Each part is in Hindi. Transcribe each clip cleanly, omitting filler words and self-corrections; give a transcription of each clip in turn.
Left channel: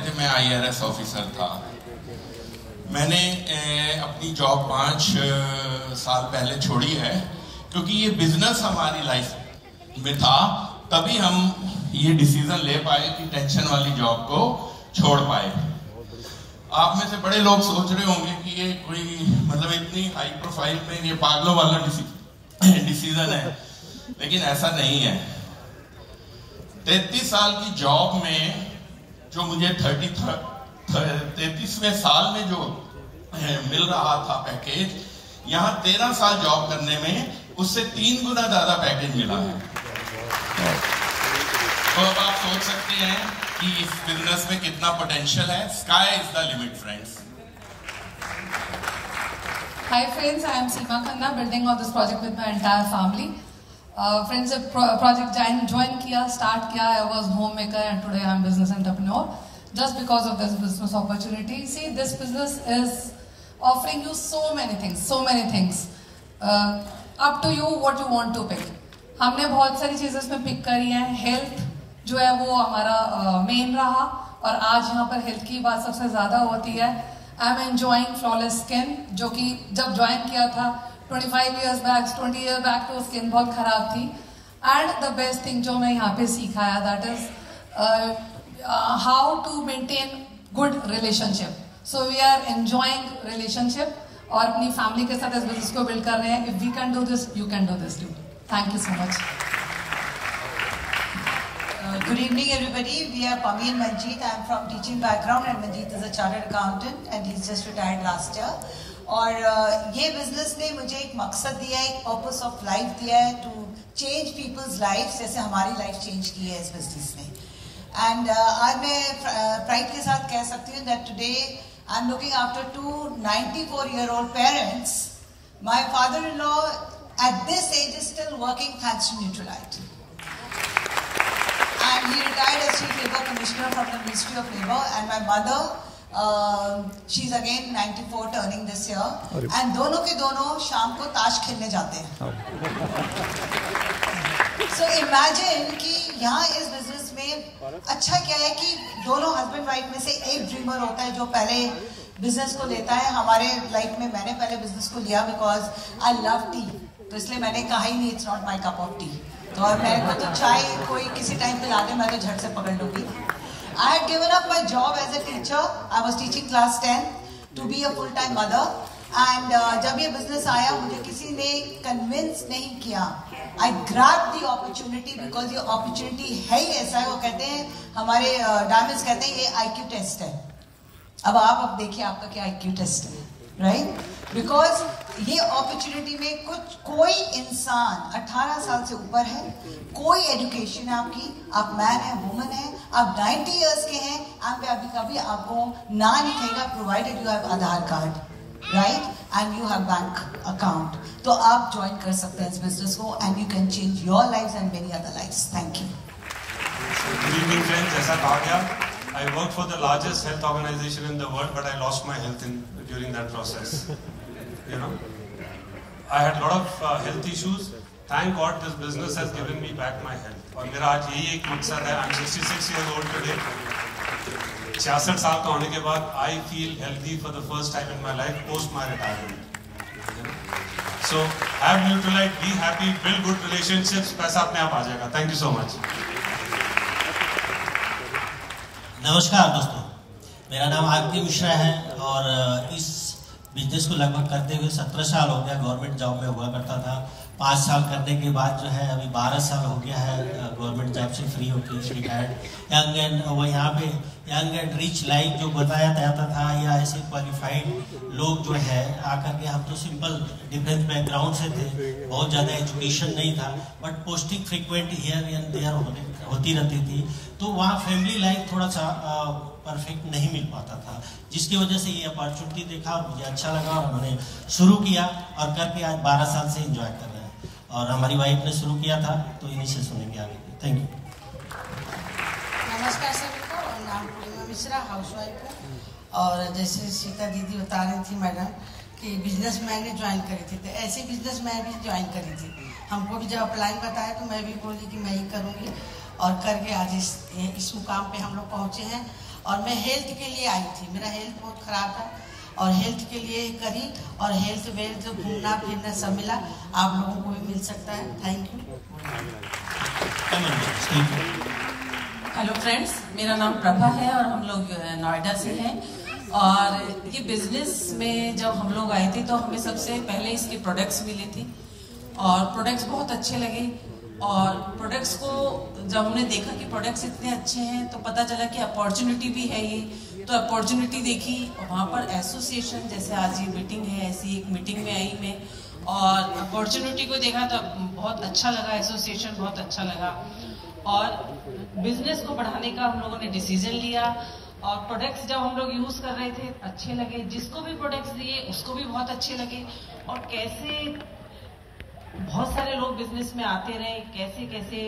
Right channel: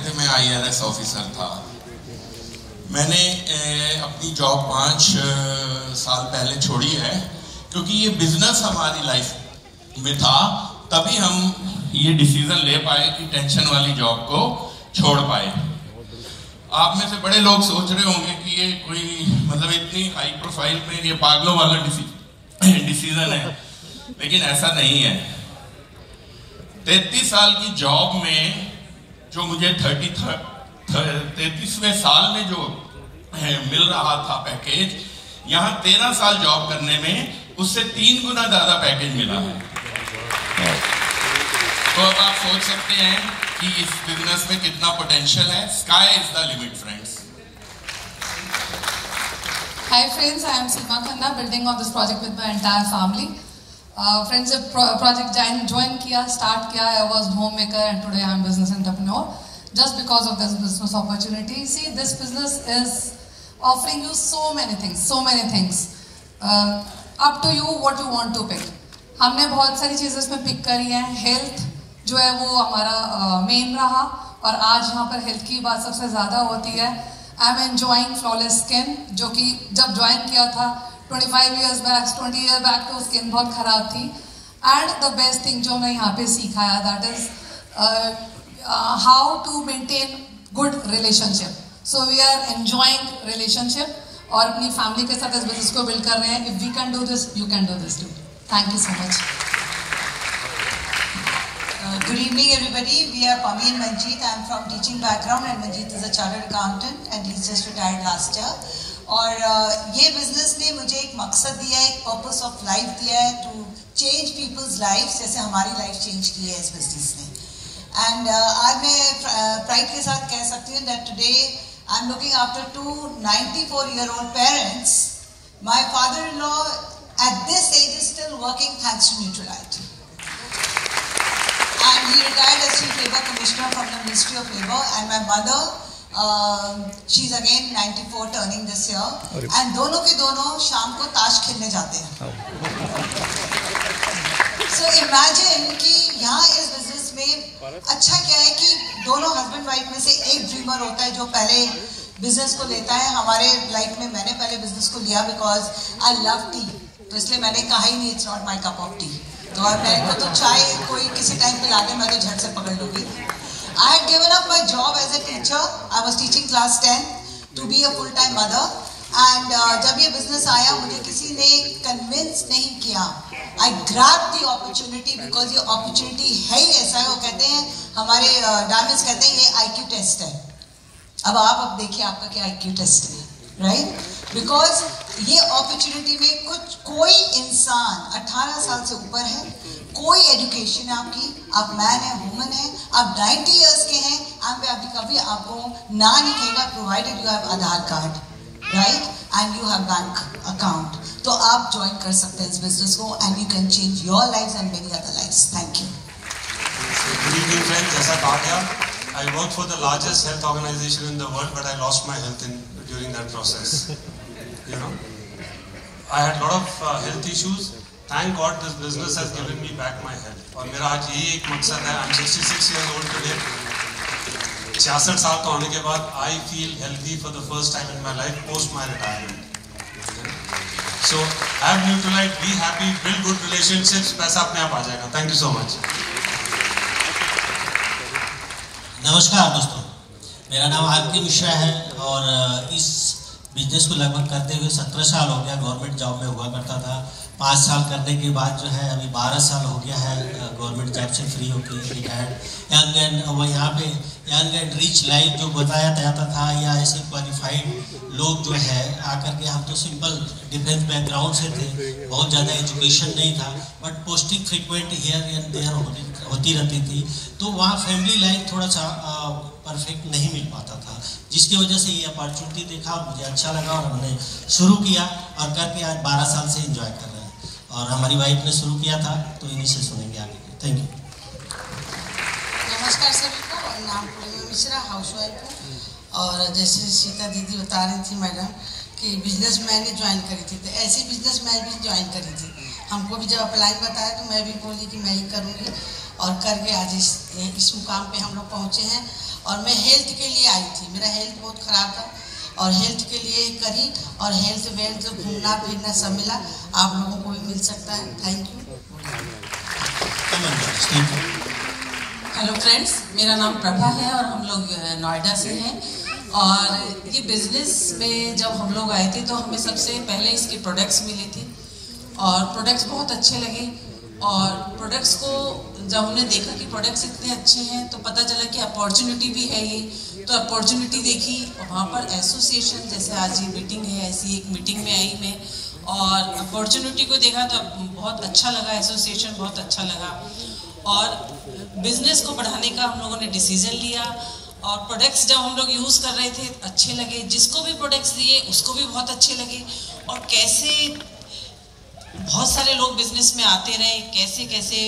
कहते थे मैं IRS ऑफिसर था। मैंने अपनी जॉब 5 साल पहले छोड़ी है, क्योंकि ये बिजनेस हमारी लाइफ में था। तभी हम ये डिसीजन ले पाए कि टेंशन वाली जॉब को छोड़ पाए। आप में से बड़े लोग सोच रहे होंगे कि ये कोई मतलब इतनी हाई प्रोफाइल में ये पागलों वाला डिसीजन है, लेकिन ऐसा नहीं है। 33 साल की जॉब में जो मुझे 33वें साल में जो मिल रहा था पैकेज, यहाँ 13 साल जॉब करने में उससे 3 गुना ज्यादा पैकेज मिला है। तो अब आप सोच सकते हैं कि इस बिजनेस में कितना पोटेंशियल है। Sky is the limit friends. Hi friends, I am Seema Khanna, building of this project with my entire family. Friends, जब project join किया, start किया, I was homemaker and today I am business entrepreneur. Just because of this business opportunity. See, this business is offering you so many things. Up to you what you want to pick. हमने बहुत सारी चीजें इसमें पिक करी हैं। हेल्थ जो है वो हमारा मेन रहा, और आज यहाँ पर हेल्थ की बात सबसे ज्यादा होती है। I am enjoying flawless skin, जो कि जब ज्वाइन किया था 25 ईयर्स बैक, 20 ईयर बैक, तो स्किन बहुत खराब थी। एंड द बेस्ट थिंग जो मैं यहाँ पे सीखा है, that is how to maintain good relationship. So we are enjoying relationship और अपनी फैमिली के साथ इस बिजनेस को बिल्ड कर रहे हैं। If we can do this, you can do this too. Thank you so much. Good evening everybody. We are Pami and Manjeet. I am from teaching background and Manjeet is a chartered accountant and he's just retired last year. और ये business ने मुझे एक मकसद दिया है, एक purpose of life दिया है, to change people's lives, जैसे हमारी life change की है इस business ने। And आज मैं pride के साथ कह सकती हूँ that today I am looking after 2 94-year-old parents. My father-in-law at this age is still working thanks to Nutralite. And he retired as Chief Labour Commissioner from the Ministry of Labour. And my mother, she's again 94 turning this year. And दोनों के दोनों शाम को ताश खेलने जाते हैं। So imagine कि यहाँ इस business में अच्छा क्या है कि दोनों husband wife में से एक dreamer होता है जो पहले business को लेता है। हमारे life में मैंने पहले business को लिया because I love tea. तो इसलिए मैंने कहा ही नहीं, it's not my cup of T. तो और मेरे को तो चाय कोई किसी टाइम पिला दे, मैं तो झट से पकड़ लूँगी। I had given up my job as a teacher. I was teaching class 10 to be a full time mother. And जब ये बिजनेस आया, मुझे किसी ने कन्विंस नहीं किया। आई ग्रैब द अपॉर्चुनिटी बिकॉज ये अपॉर्चुनिटी है ही ऐसा है। वो कहते हैं, हमारे डायमंड्स कहते हैं ये IQ टेस्ट है। अब देखिए आपका क्या IQ टेस्ट है, राइट? बिकॉज ये अपॉर्चुनिटी में कोई इंसान 18 साल से ऊपर है, कोई एजुकेशन है आपकी, आप मैन है, वुमन है, आप 90 इयर्स के हैं, कभी आपको ना नहीं कहेगा provided you have Aadhaar card, right, and you have bank account. तो आप ज्वाइन कर सकते हैं इस बिजनेस को and you can change your life and many other life. Thank you. Good evening friends, जैसा कहा गया, I worked for the largest health organization in the world, but I lost my health during that process. You know, I had a lot of health issues. Thank God this business has given me back my health. और मेरा आज यही एक मकसद है। I'm 66 years old today. 66 साल का होने के बाद I feel healthy for the first time in my life post my retirement. So have Nutralite, be happy, build good relationships. पैसा अपने आप आ जाएगा। Thank you so much. नमस्कार दोस्तों, मेरा नाम आदित्य मिश्रा है और इस बिजनेस को लगभग करते हुए 17 साल हो गया। गवर्नमेंट जॉब में हुआ करता था। 5 साल करने के बाद जो है अभी 12 साल हो गया है गवर्नमेंट जॉब से फ्री होकर रिटायर्ड। यंग एंड वो यहाँ पे यंग एंड रिच लाइफ जो बताया जाता था, या ऐसे क्वालिफाइड लोग जो है आकर के, हम तो सिंपल डिफेंस बैकग्राउंड से थे, बहुत ज़्यादा एजुकेशन नहीं था, but posting frequent here and there होती रहती थी। तो वहाँ फैमिली लाइफ थोड़ा सा परफेक्ट नहीं मिल पाता था, जिसकी वजह से ये अपॉर्चुनिटी देखा और मुझे अच्छा लगा और मैंने शुरू किया और करके आज 12 साल से एंजॉय कर रहे हैं। और हमारी वाइफ ने शुरू किया था, तो इन्हीं से सुनेंगे आगे। Thank you. नमस्कार सभी को, और नाम पूर्णिमा मिश्रा, हाउसवाइफ है। और जैसे सीता दीदी बता रही थी मैडम कि बिजनेस मैंने ज्वाइन करी थी, तो ऐसी बिजनेस मैं भी ज्वाइन करी थी। हमको भी जब अप्लाई बताया तो मैं भी बोली कि मैं ही करूँगी, और करके आज इस मुकाम पे हम लोग पहुँचे हैं। और मैं हेल्थ के लिए आई थी, मेरा हेल्थ बहुत ख़राब था और हेल्थ के लिए करी और हेल्थ वेल्थ घूमना फिरना सब मिला, आप लोगों को भी मिल सकता है। Thank you. हेलो फ्रेंड्स, मेरा नाम प्रभा है और हम लोग नोएडा से हैं। और ये बिजनेस में जब हम लोग आए थे तो हमें सबसे पहले इसके प्रोडक्ट्स मिले थे और प्रोडक्ट्स बहुत अच्छे लगे। और प्रोडक्ट्स को जब हमने देखा कि प्रोडक्ट्स इतने अच्छे हैं तो पता चला कि अपॉर्चुनिटी भी है ये, तो अपॉर्चुनिटी देखी और वहाँ पर एसोसिएशन, जैसे आज ये मीटिंग है, ऐसी एक मीटिंग में आई मैं और अपॉर्चुनिटी को देखा तो बहुत अच्छा लगा, एसोसिएशन बहुत अच्छा लगा और बिजनेस को बढ़ाने का हम लोगों ने डिसीजन लिया। और प्रोडक्ट्स जब हम लोग यूज़ कर रहे थे अच्छे लगे, जिसको भी प्रोडक्ट्स दिए उसको भी बहुत अच्छे लगे। और कैसे बहुत सारे लोग बिजनेस में आते रहे, कैसे कैसे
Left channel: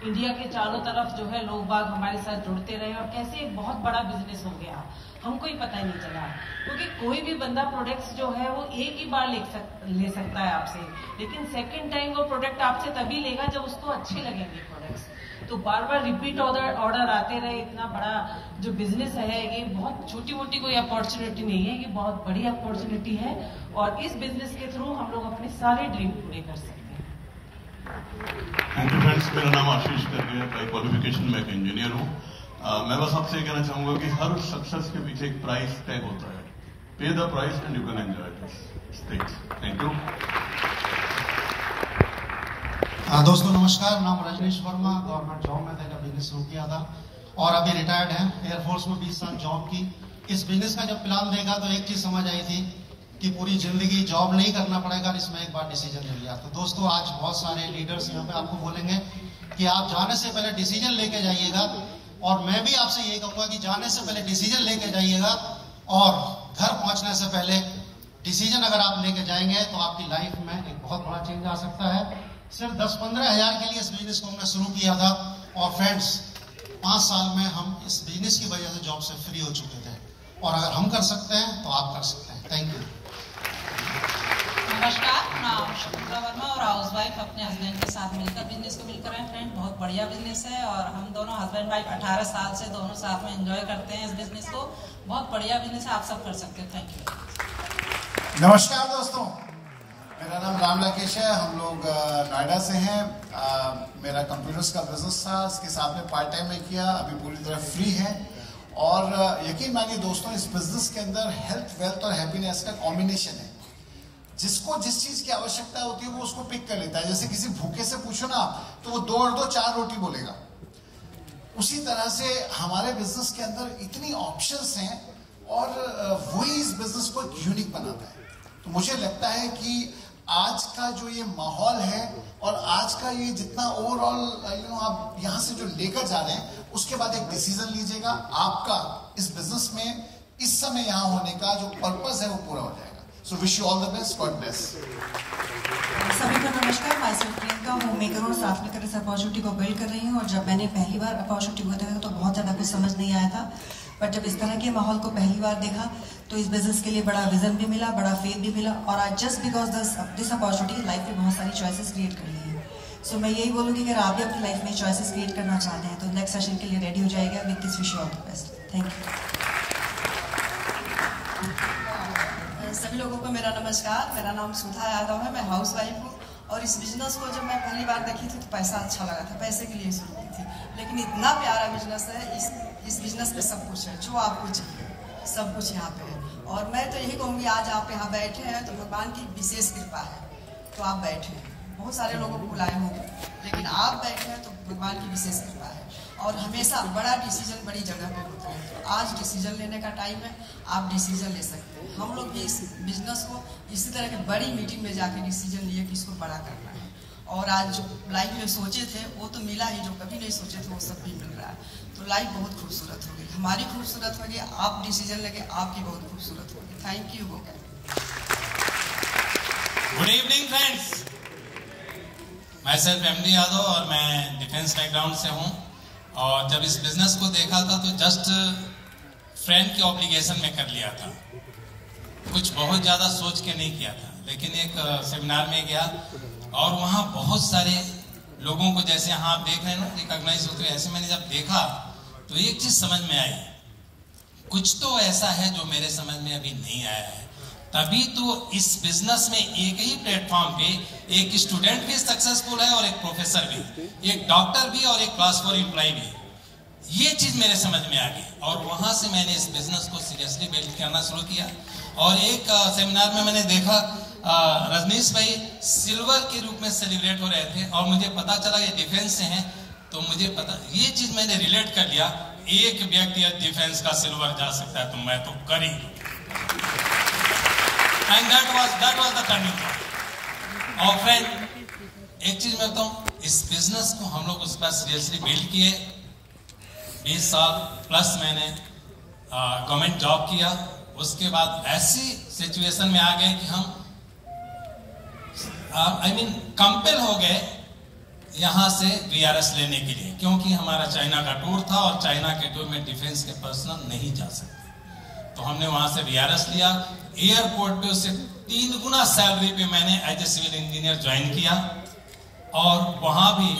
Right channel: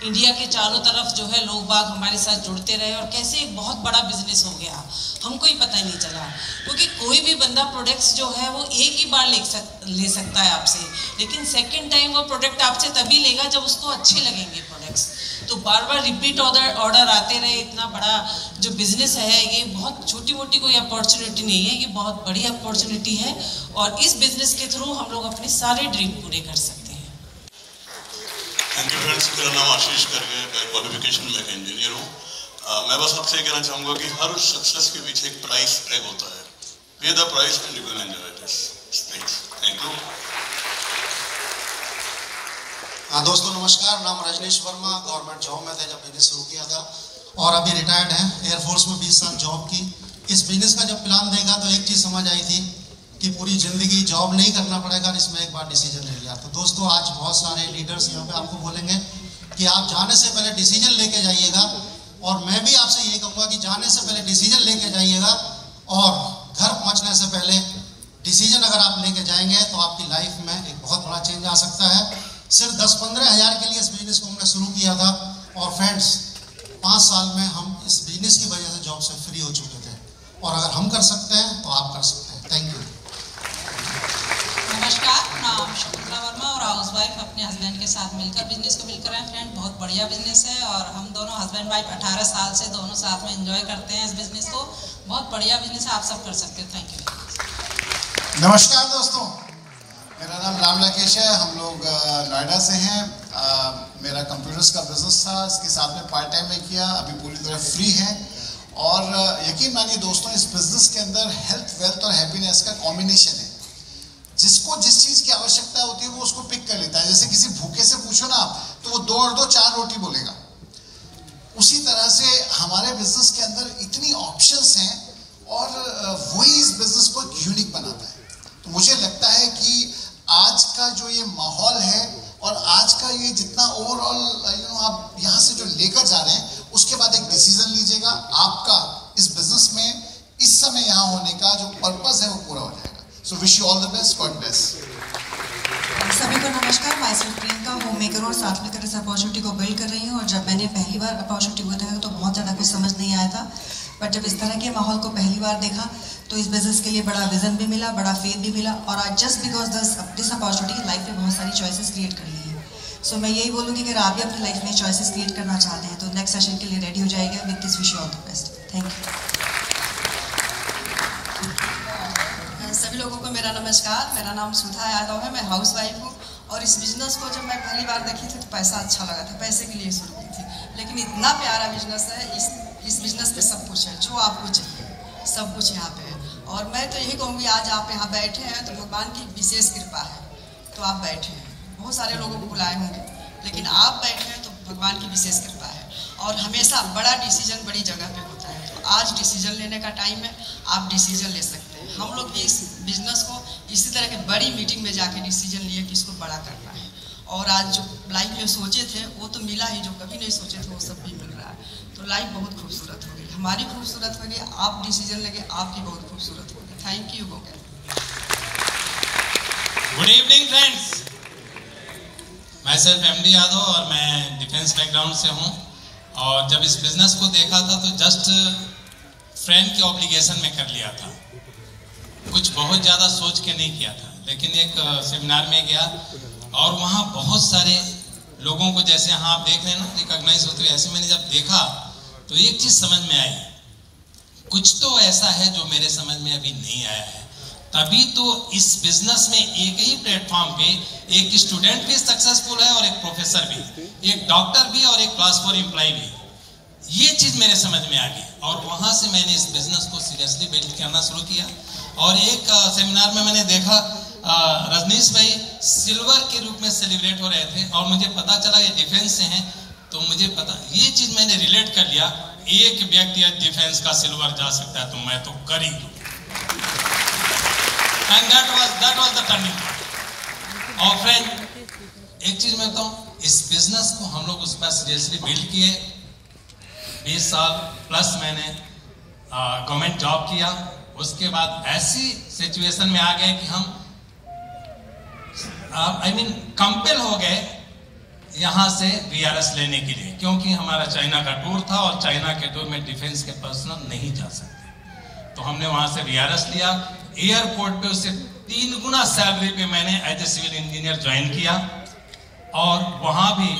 इंडिया के चारों तरफ जो है लोग बाग हमारे साथ जुड़ते रहे और कैसे एक बहुत बड़ा बिजनेस हो गया, हमको ही पता नहीं चला। क्योंकि कोई भी बंदा प्रोडक्ट्स जो है वो एक ही बार ले सकता है आपसे, लेकिन सेकंड टाइम वो प्रोडक्ट आपसे तभी लेगा जब उसको अच्छे लगेंगे प्रोडक्ट्स। तो बार बार रिपीट ऑर्डर आते रहे। इतना बड़ा जो बिजनेस है ये बहुत छोटी मोटी कोई अपॉर्चुनिटी नहीं है, ये बहुत बड़ी अपॉर्चुनिटी है और इस बिजनेस के थ्रू हम लोग अपने सारे ड्रीम पूरे कर सकते हैं। थैंक यू फ्रेंड्स, मेरा नाम आशीष करके है, बाय क्वालिफिकेशन मैं एक इंजीनियर हूँ। मैं बस आपसे ये कहना चाहूँगा कि हर सक्सेस के पीछे एक प्राइस टैग होता है। पे the price and you can enjoy this stage. Thank you. दोस्तों नमस्कार, नाम रजनीश वर्मा, गवर्नमेंट जॉब में थे जब बिजनेस शुरू किया था और अभी रिटायर्ड हैं। एयरफोर्स में 20 साल जॉब की। इस बिजनेस का जब प्लान देखा तो एक चीज़ समझ आई थी कि पूरी ज़िंदगी जॉब नहीं करना पड़ेगा, इसमें एक बार डिसीजन ले लिया। तो दोस्तों आज बहुत सारे लीडर्स यहाँ पे आपको बोलेंगे कि आप जाने से पहले डिसीजन लेके जाइएगा और मैं भी आपसे ये कहूँगा कि जाने से पहले डिसीजन लेके जाइएगा और घर पहुँचने से पहले डिसीजन अगर आप लेके जाएंगे तो आपकी लाइफ में एक बहुत बड़ा चेंज आ सकता है। सिर्फ 10-15 हज़ार के लिए इस बिजनेस को हमने शुरू किया था और फ्रेंड्स 5 साल में हम इस बिजनेस की वजह से जॉब से फ्री हो चुके थे और अगर हम कर सकते हैं तो आप कर सकते हैं। Thank you. नमस्कार, नाम शकुंतला वर्मा और हाउस वाइफ अपने हस्बैंड के साथ मिलकर बिजनेस को बिल्ड कर रहे हैं। फ्रेंड बहुत बढ़िया बिजनेस है और हम दोनों हस्बैंड वाइफ 18 साल से दोनों साथ में एंजॉय करते हैं इस बिजनेस को। बहुत बढ़िया बिजनेस है, आप सब कर सकते हैं। Thank you. नमस्कार दोस्तों, मेरा नाम राम राकेश है। हम लोग नोएडा से हैं। मेरा कंप्यूटर्स का बिजनेस था, इसके साथ में पार्ट टाइम में किया, अभी पूरी तरह फ्री है। और यकीन मानिए दोस्तों, इस बिजनेस के अंदर हेल्थ, वेल्थ और हैप्पीनेस का कॉम्बिनेशन है। जिसको जिस चीज़ की आवश्यकता होती है वो उसको पिक कर लेता है। जैसे किसी भूखे से पूछो ना तो वो 2 और 2 4 रोटी बोलेगा। उसी तरह से हमारे बिजनेस के अंदर इतनी ऑप्शंस हैं और वही इस बिजनेस को यूनिक बनाता है। तो मुझे लगता है कि आज का जो ये माहौल है और आज का ये जितना ओवरऑल आप यहाँ से जो लेकर जा रहे हैं, उसके बाद एक डिसीजन लीजिएगा। आपका इस बिजनेस में इस समय यहाँ होने का जो पर्पस है वो पूरा हो जाएगा। So wish you all the best, God bless. सभी को नमस्कार, मैं सिर्फ प्रियंका होम मेकर और साथ में इस अपॉर्चुनिटी को बिल्ड कर रही हूँ। और जब मैंने पहली बार अपॉर्चुनिटी को देखा तो बहुत ज़्यादा कुछ समझ नहीं आया था, बट जब इस तरह के माहौल को पहली बार देखा तो इस बिजनेस के लिए बड़ा विजन भी मिला, बड़ा फेथ भी मिला। और आज just because this opportunity life में बहुत सारी चॉइसेस क्रिएट कर ली है। सो मैं यही बोलूँगी कि अगर आप भी अपनी लाइफ में चॉइसेस क्रिएट करना चाहते हैं तो नेक्स्ट सेशन के लिए रेडी हो जाएगा। With this wish you all the best. Thank you. सभी लोगों को मेरा नमस्कार, मेरा नाम सुधा यादव है, मैं हाउस वाइफ हूँ। और इस बिजनेस को जब मैं पहली बार देखी थी तो पैसा अच्छा लगा था, पैसे के लिए शुरू की थी, लेकिन इतना प्यारा बिजनेस है। इस बिजनेस पे सब कुछ है जो आपको चाहिए, सब कुछ यहाँ पे है। और मैं तो यही कहूँगी, आज आप यहाँ बैठे हैं तो भगवान की विशेष कृपा है तो आप बैठे हैं। बहुत सारे लोगों को बुलाए होंगे, लेकिन आप बैठे हैं तो भगवान की विशेष कृपा है। और हमेशा बड़ा डिसीजन बड़ी जगह पे होता है, तो आज डिसीजन लेने का टाइम है, आप डिसीजन ले सकते हैं। हम लोग भी इस बिजनेस को इसी तरह के बड़ी मीटिंग में जाके डिसीजन लिए कि इसको बड़ा करना है। और आज जो लाइफ में सोचे थे वो तो मिला ही, जो कभी नहीं सोचे थे वो सब भी मिल रहा है। तो लाइफ बहुत खूबसूरत होगी, हमारी खूबसूरत होगी, आप डिसीजन लेंगे आपकी बहुत खूबसूरत होगी। Thank you. Good evening friends, मैं सिर्फ एमडी यादव और मैं डिफेंस बैकग्राउंड से हूँ। और जब इस बिजनेस को देखा था तो जस्ट फ्रेंड के ऑब्लिगेशन में कर लिया था, कुछ बहुत ज़्यादा सोच के नहीं किया था। लेकिन एक सेमिनार में गया और वहाँ बहुत सारे लोगों को, जैसे हाँ आप देख रहे हैं ना, रिकॉग्नाइज होते हुए, ऐसे मैंने जब देखा तो एक चीज़ समझ में आई कुछ तो ऐसा है जो मेरे समझ में अभी नहीं आया है। तभी तो इस बिजनेस में एक ही प्लेटफॉर्म पे एक स्टूडेंट भी सक्सेसफुल है और एक प्रोफेसर भी, एक डॉक्टर भी और एक क्लास 4 एम्प्लॉय भी। ये चीज मेरे समझ में आ गई और वहां से मैंने इस बिजनेस को सीरियसली बिल्ड करना शुरू किया। और एक सेमिनार में मैंने देखा रजनीश भाई सिल्वर के रूप में सेलिब्रेट हो रहे थे और मुझे पता चला ये डिफेंस से हैं, तो मुझे पता ये चीज मैंने रिलेट कर लिया, एक व्यक्ति डिफेंस का सिल्वर जा सकता है तो मैं तो कर ही लूं। And that was the turning point. और फ्रेंड एक चीज मैं बताऊं, इस बिजनेस को हम लोग उस पर सीरियसली बिल्ड किए। 20 साल प्लस मैंने गवर्नमेंट जॉब किया। उसके बाद ऐसी सिचुएशन में आ गए कि हम कंपेल हो गए यहां से VRS लेने के लिए, क्योंकि हमारा चाइना का टूर था और चाइना के टूर में डिफेंस के पर्सनल नहीं जा सकते। तो हमने वहां से VRS लिया। एयरपोर्ट पे उससे 3 गुना सैलरी पे मैंने as a civil engineer join किया। और वहां भी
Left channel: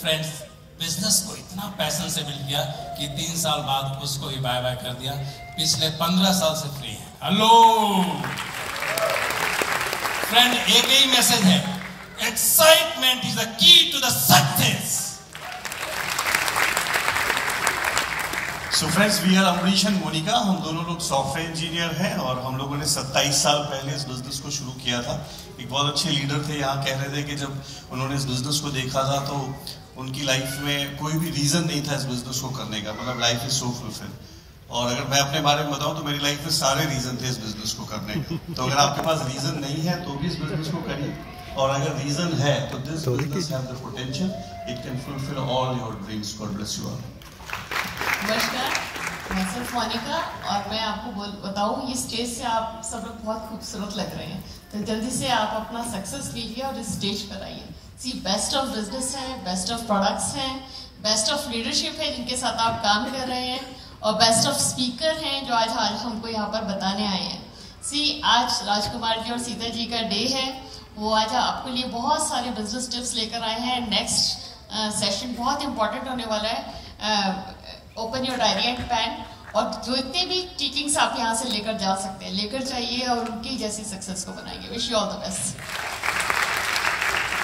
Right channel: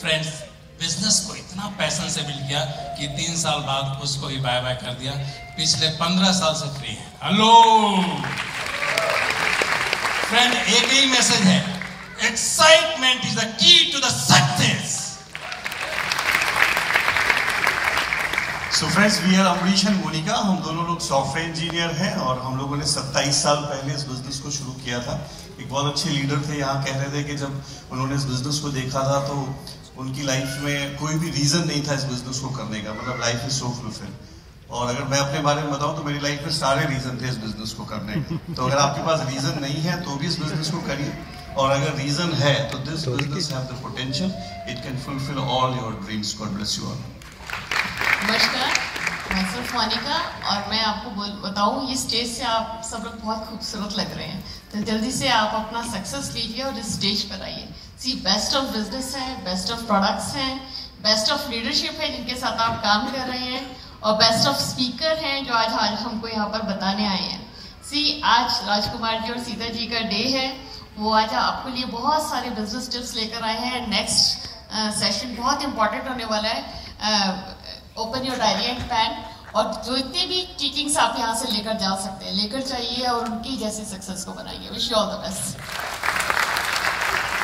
फ्रेंड्स बिजनेस को इतना पैशन से बिल्ड किया कि 3 साल बाद उसको ही बाय बाय कर दिया। पिछले 15 साल से फ्री है। हेलो फ्रेंड, एक ही मैसेज है, excitement is the key to the success. So friends, we are Amrish and Monika. हम दोनों लोग सॉफ्टवेयर इंजीनियर हैं और हम लोगों ने 27 साल पहले इस बिजनेस को शुरू किया था। एक बहुत अच्छे लीडर थे यहाँ, कह रहे थे कि जब उन्होंने इस बिजनेस को देखा था तो उनकी लाइफ में कोई भी रीजन नहीं था इस बिजनेस को करने का, मतलब लाइफ इज सो फुलफिल्ड। और अगर मैं अपने बारे में बताऊं तो मेरी लाइफ में सारे रीजन थे इस बिजनेस को करने के। तो अगर आपके पास रीजन नहीं है तो भी इस बिजनेस को करिए, और अगर रीजन है तो this business have the potential, it can fulfil all your dreams. God bless you all. नमस्कार, मैं सिर्फ मोनिका और मैं आपको बताऊं, ये स्टेज से आप सब लोग बहुत खूबसूरत लग रहे हैं, तो जल्दी से आप अपना सक्सेस लीजिए और इस स्टेज पर आइए। सी बेस्ट ऑफ बिजनेस है, बेस्ट ऑफ प्रोडक्ट्स हैं, बेस्ट ऑफ लीडरशिप है जिनके साथ आप काम कर रहे हैं, और बेस्ट ऑफ स्पीकर हैं जो आज हमको यहाँ पर बताने आए हैं। सी आज राजकुमार जी और सीता जी का डे है, वो आज आपके लिए बहुत सारे बिजनेस टिप्स लेकर आए हैं। नेक्स्ट सेशन बहुत इंपॉर्टेंट होने वाला है। Open your diary and pen, और जितने भी टीचिंग्स आप यहाँ से लेकर जा सकते हैं लेकर जाइए और उनकी जैसे सक्सेस को बनाइए। Wish you all the best.